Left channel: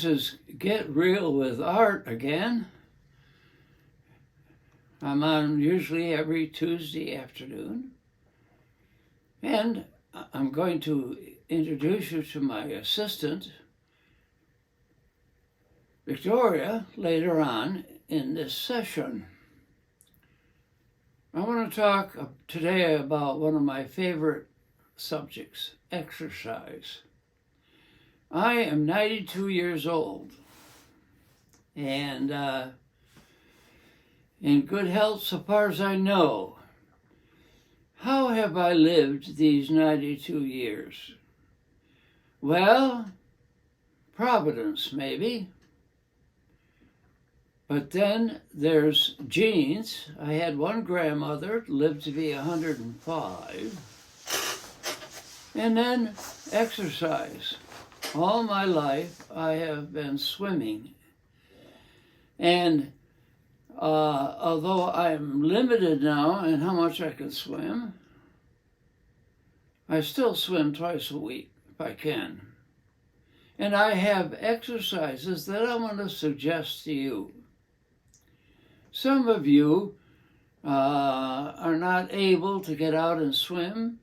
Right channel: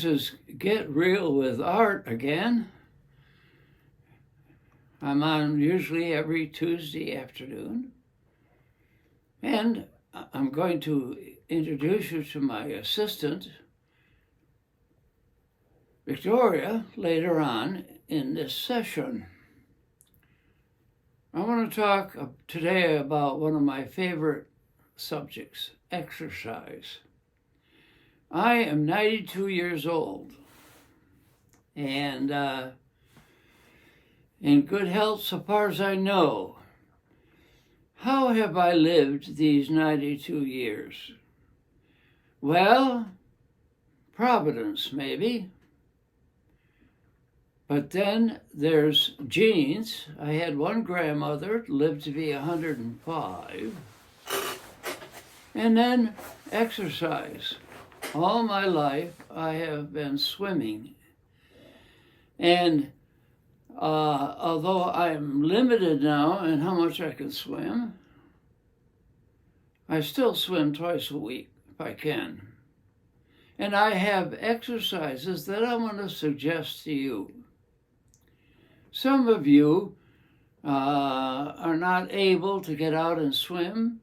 This is Get Real with Art again. I'm on usually every Tuesday afternoon. And I'm going to introduce you to my assistant, Victoria, later on in this session. I want to talk today about one of my favorite subjects, exercise. I am 92 years old and in good health so far as I know. How have I lived these 92 years? Well, Providence maybe. But then there's genes. I had one grandmother lived to be 105. And then exercise. All my life, I have been swimming. And although I'm limited now in how much I can swim, I still swim twice a week if I can. And I have exercises that I want to suggest to you. Some of you are not able to get out and swim.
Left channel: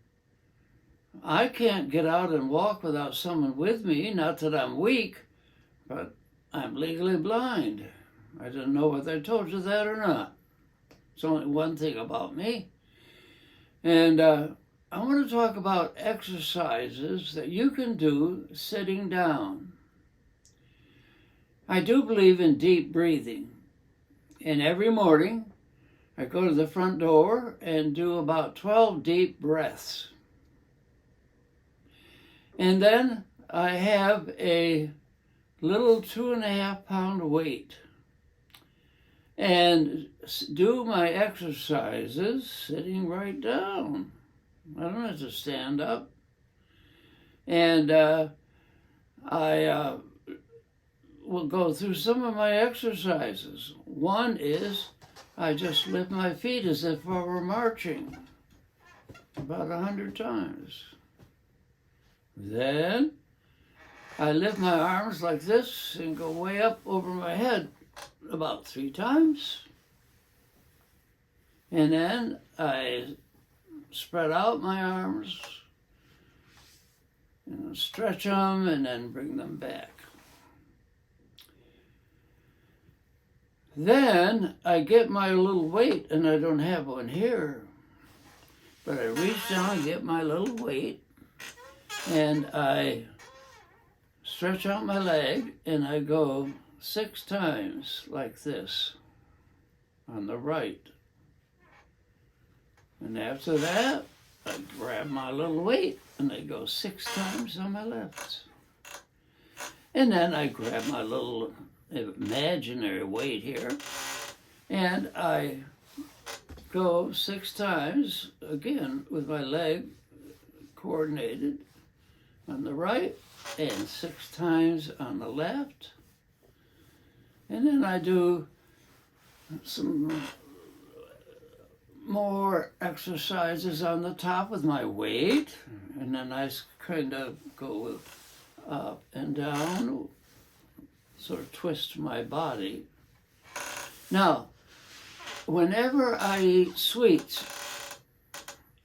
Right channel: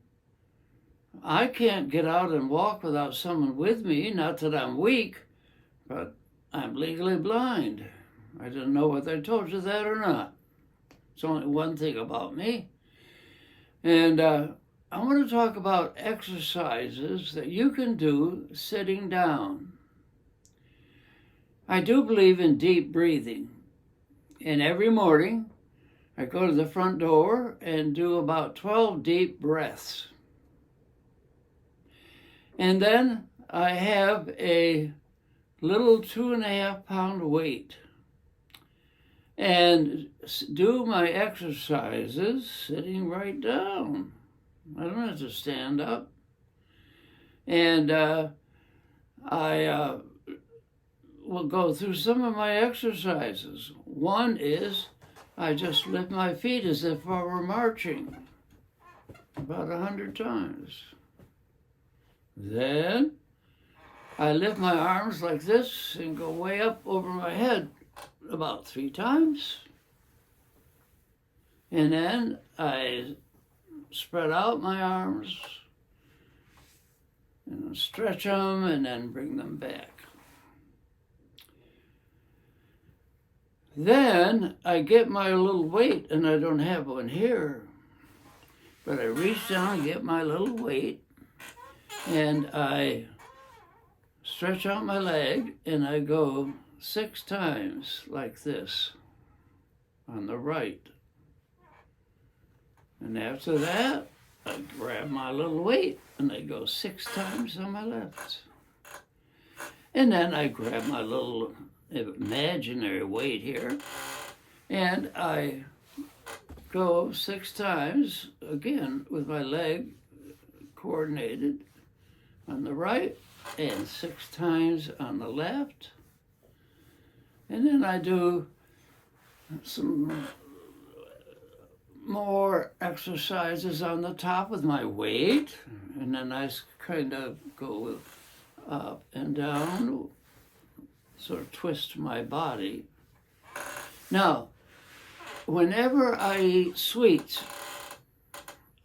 I can't get out and walk without someone with me. Not that I'm weak, but I'm legally blind. I don't know whether I told you that or not. It's only one thing about me. And I want to talk about exercises that you can do sitting down. I do believe in deep breathing. And every morning, I go to the front door and do about 12 deep breaths. And then I have a little 2.5-pound weight and do my exercises sitting right down. I don't have to stand up. And I will go through some of my exercises. One is I just lift my feet as if I were marching about 100 times. Then I lift my arms like this and go way up over my head about 3 times. And then I spread out my arms and stretch them and then bring them back. Then I get my little weight, and I don't have one here, but I reach down and get my little weight, and I stretch out my leg, and I go 6 times like this on the right. And after that, I grab my little weight, and I go 6 times on my left. And then I grab my little imaginary weight here, and I go 6 times, again, with my leg coordinated on the right, and 6 times on the left. And then I do some more exercises on the top with my weight, and then I kind of go up and down, sort of twist my body. Now, whenever I eat sweets,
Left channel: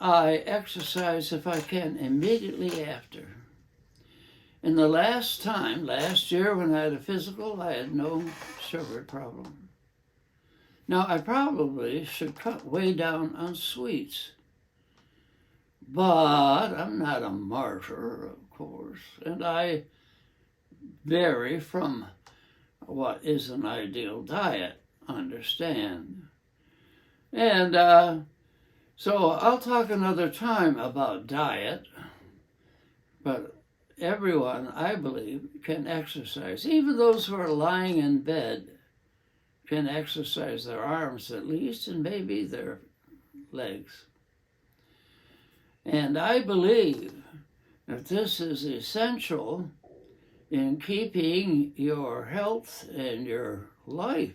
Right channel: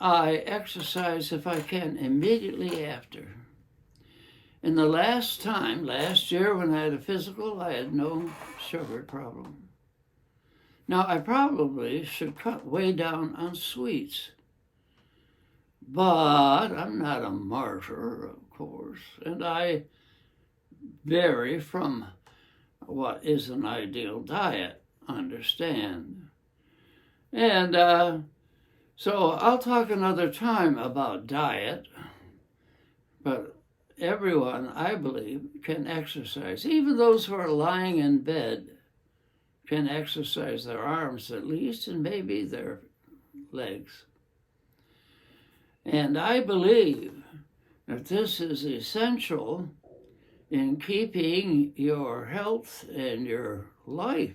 I exercise if I can immediately after. And the last year when I had a physical, I had no sugar problem. Now, I probably should cut way down on sweets, but I'm not a martyr, of course, and I vary from what is an ideal diet, understand. And so I'll talk another time about diet, but everyone, I believe, can exercise. Even those who are lying in bed can exercise their arms at least, and maybe their legs. And I believe that this is essential in keeping your health and your life.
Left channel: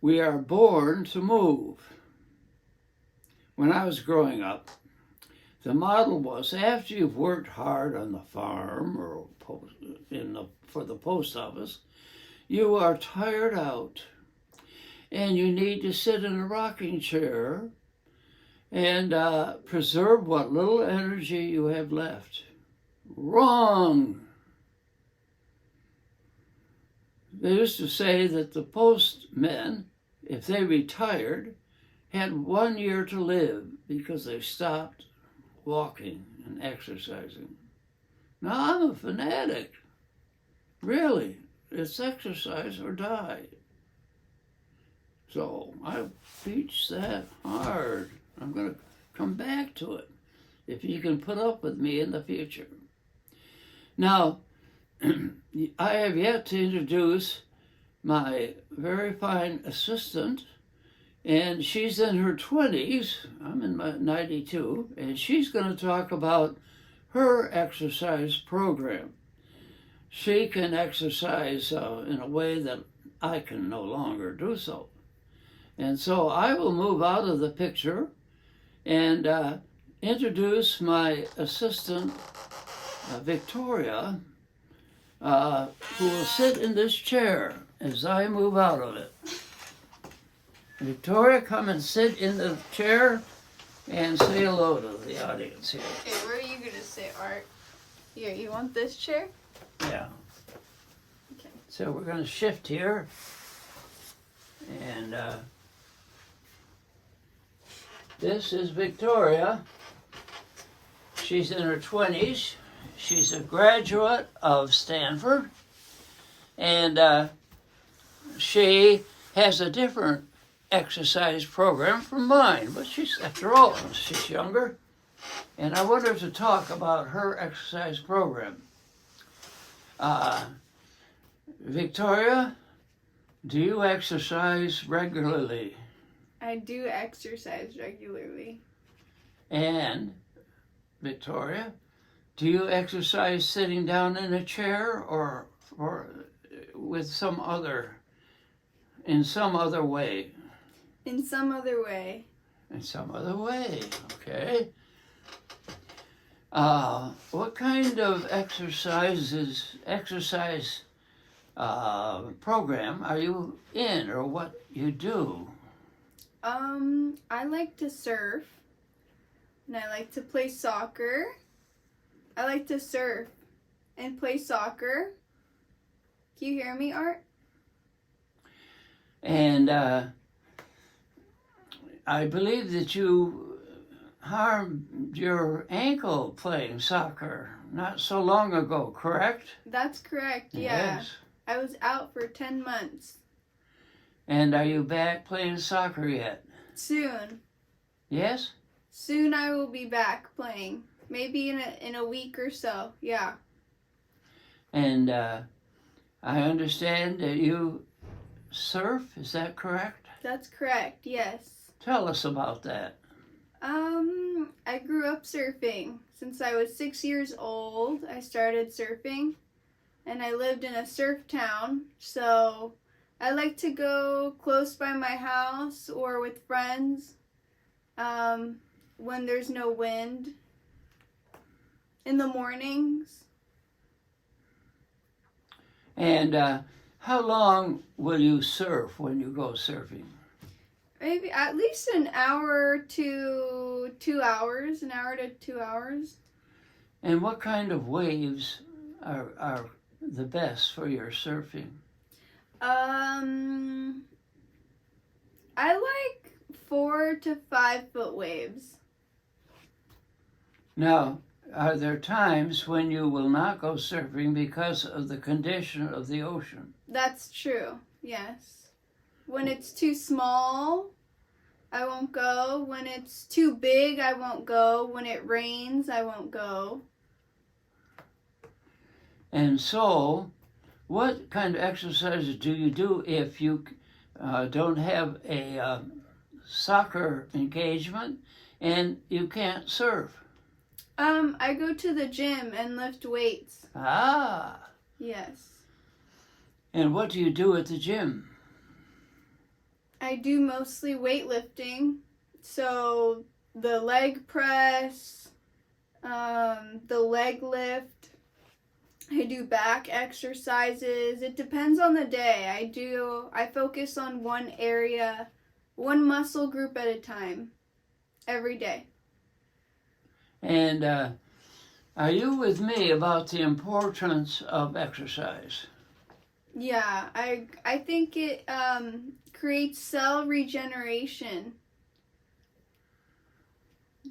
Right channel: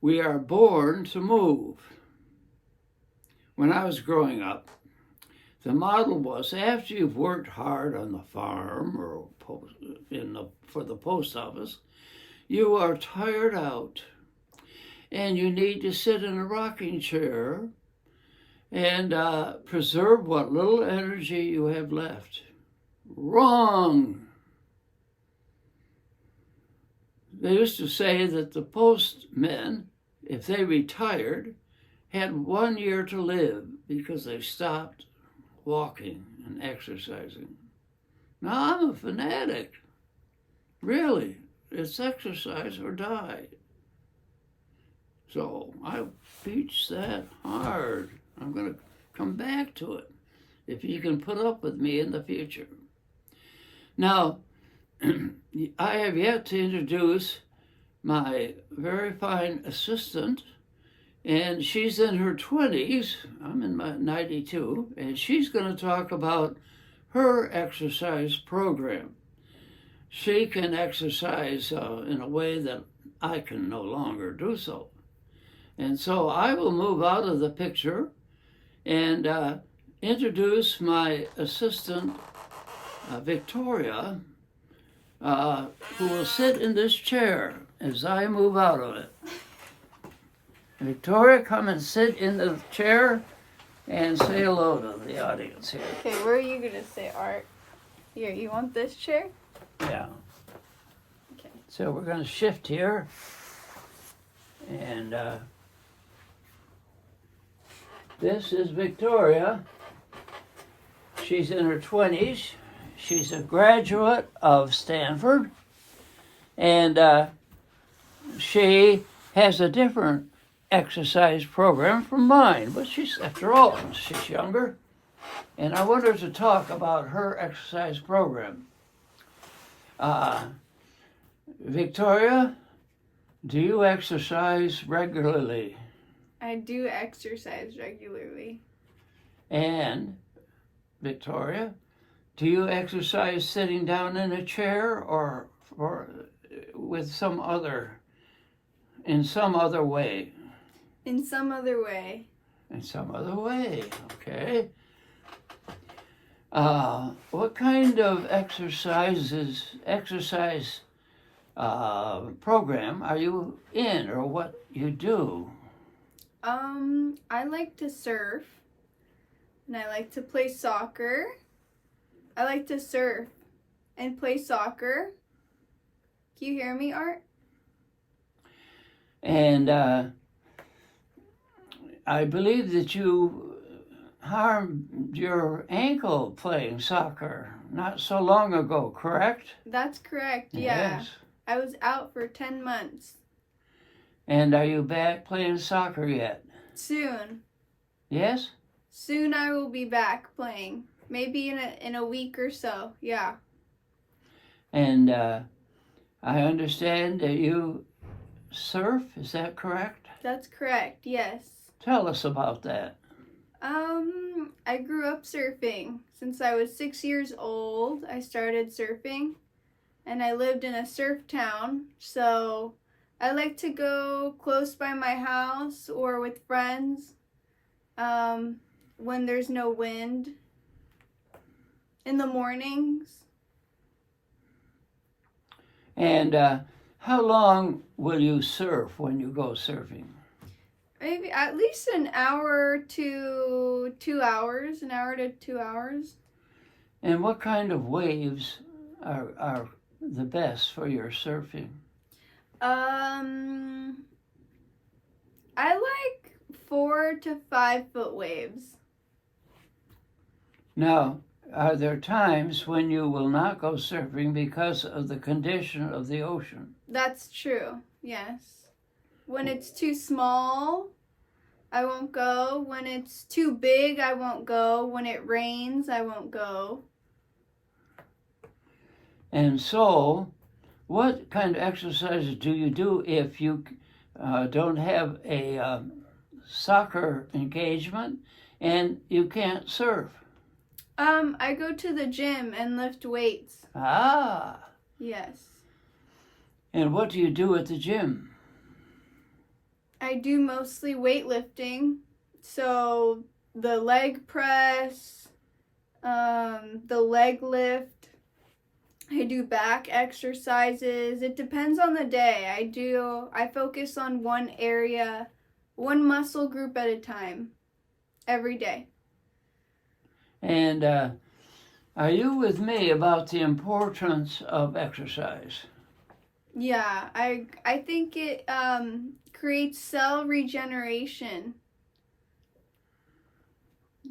We are born to move. When I was growing up, The model was after you've worked hard on the farm or for the post office, you are tired out and you need to sit in a rocking chair and preserve what little energy you have left. Wrong. They used to say that the postmen, if they retired, had 1 year to live because they stopped walking and exercising. Now I'm a fanatic. Really, it's exercise or die. So I teach that hard. I'm going to come back to it if you can put up with me in the future. Now, I have yet to introduce my very fine assistant, and she's in her 20s. I'm in my 92, and she's going to talk about her exercise program. She can exercise in a way that I can no longer do so. And so I will move out of the picture and introduce my assistant, Victoria, who will sit in this chair as I move out of it. Victoria, come and sit in the chair and say hello to the audience here. Okay, where are you going to sit, Art? Here, you want this chair? Yeah. Okay. So we're going to shift here. And this is Victoria. She's in her 20s. She's a graduate of Stanford. And she has a different exercise program from mine. But she's, after all, she's younger. And I want her to talk about her exercise program. Victoria, do you exercise regularly? I do exercise regularly. And, Victoria, do you exercise sitting down in a chair or with some other, in some other way? In some other way. In some other way, okay. What kind of exercise program are you in, or what you do? I like to surf, and I like to play soccer. I like to surf and play soccer. Can you hear me, Art? And I believe that you harmed your ankle playing soccer not so long ago, correct? That's correct, yeah. Yes. I was out for 10 months. And are you back playing soccer yet? Soon. Yes? Soon I will be back playing. Maybe in a week or so, yeah. And I understand that you surf, is that correct? That's correct, yes. Tell us about that. I grew up surfing. Since I was 6 years old, I started surfing. And I lived in a surf town, so I like to go close by my house or with friends when there's no wind in the mornings. And how long will you surf when you go surfing? Maybe at least an hour to 2 hours, an hour to 2 hours. And what kind of waves are the best for your surfing? I like 4 to 5 foot waves. Now, are there times when you will not go surfing because of the condition of the ocean? That's true, yes. When it's too small, I won't go. When it's too big, I won't go. When it rains, I won't go. And so, what kind of exercises do you do if you don't have a soccer engagement and you can't surf? I go to the gym and lift weights. Ah. Yes. And what do you do at the gym? I do mostly weightlifting. So the leg press, the leg lift. I do back exercises. It depends on the day. I focus on one area, one muscle group at a time, every day. And are you with me about the importance of exercise? Yeah, I think it creates cell regeneration.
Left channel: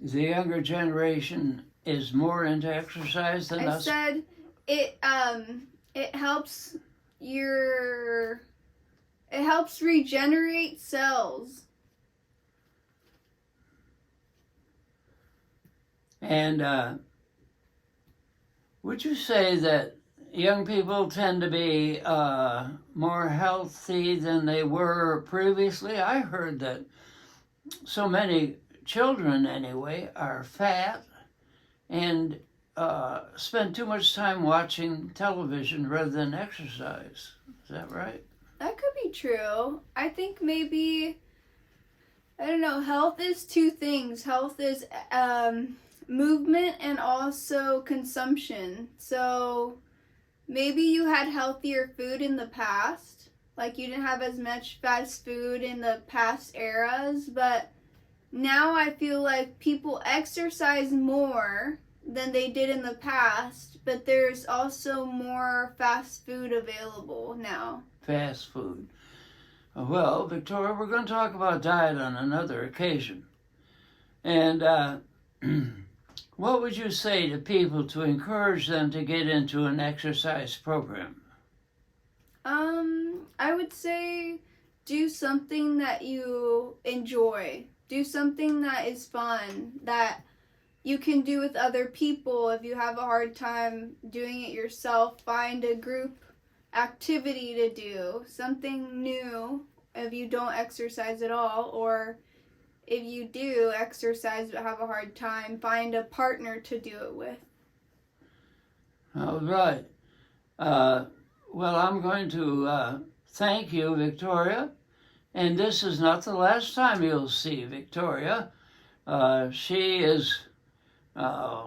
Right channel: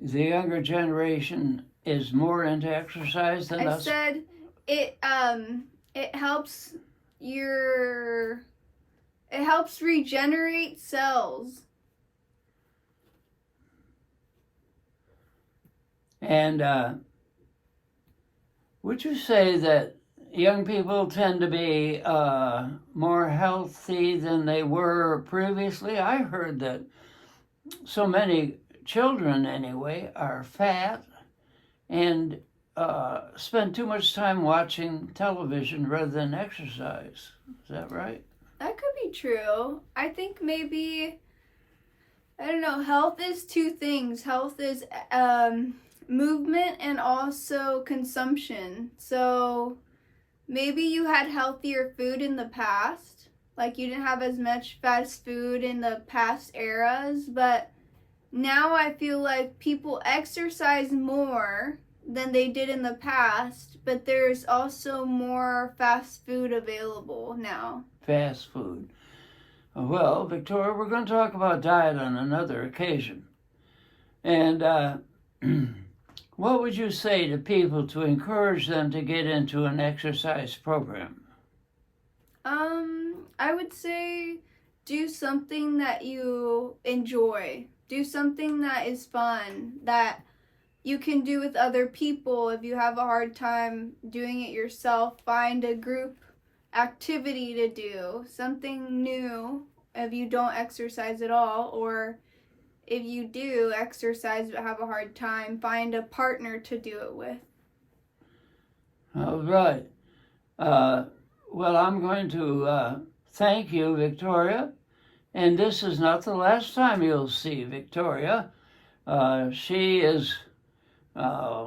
The younger generation is more into exercise than I us? said it helps regenerate cells. And would you say that young people tend to be more healthy than they were previously? I heard that so many children, anyway, are fat and spend too much time watching television rather than exercise. Is that right? That could be true. I think maybe, I don't know, health is two things. Health is movement and also consumption. So maybe you had healthier food in the past, like you didn't have as much fast food in the past eras, but now I feel like people exercise more than they did in the past, but there's also more fast food available now. Fast food. Well, Victoria, we're going to talk about diet on another occasion. And what would you say to people to encourage them to get into an exercise program? I would say do something that you enjoy. Do something that is fun, that you can do with other people. If you have a hard time doing it yourself, find a group activity to do, something new if you don't exercise at all, or if you do exercise but have a hard time, find a partner to do it with. All right. Well, I'm going to thank you, Victoria. And this is not the last time you'll see Victoria. She is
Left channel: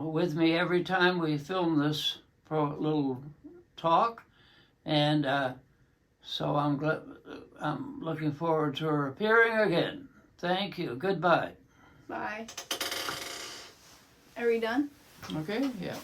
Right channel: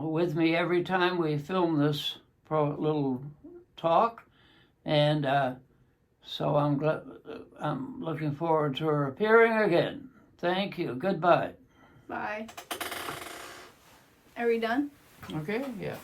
with me every time we film this little talk. And so I'm looking forward to her appearing again. Thank you. Goodbye. Bye. Are we done? Okay, yeah.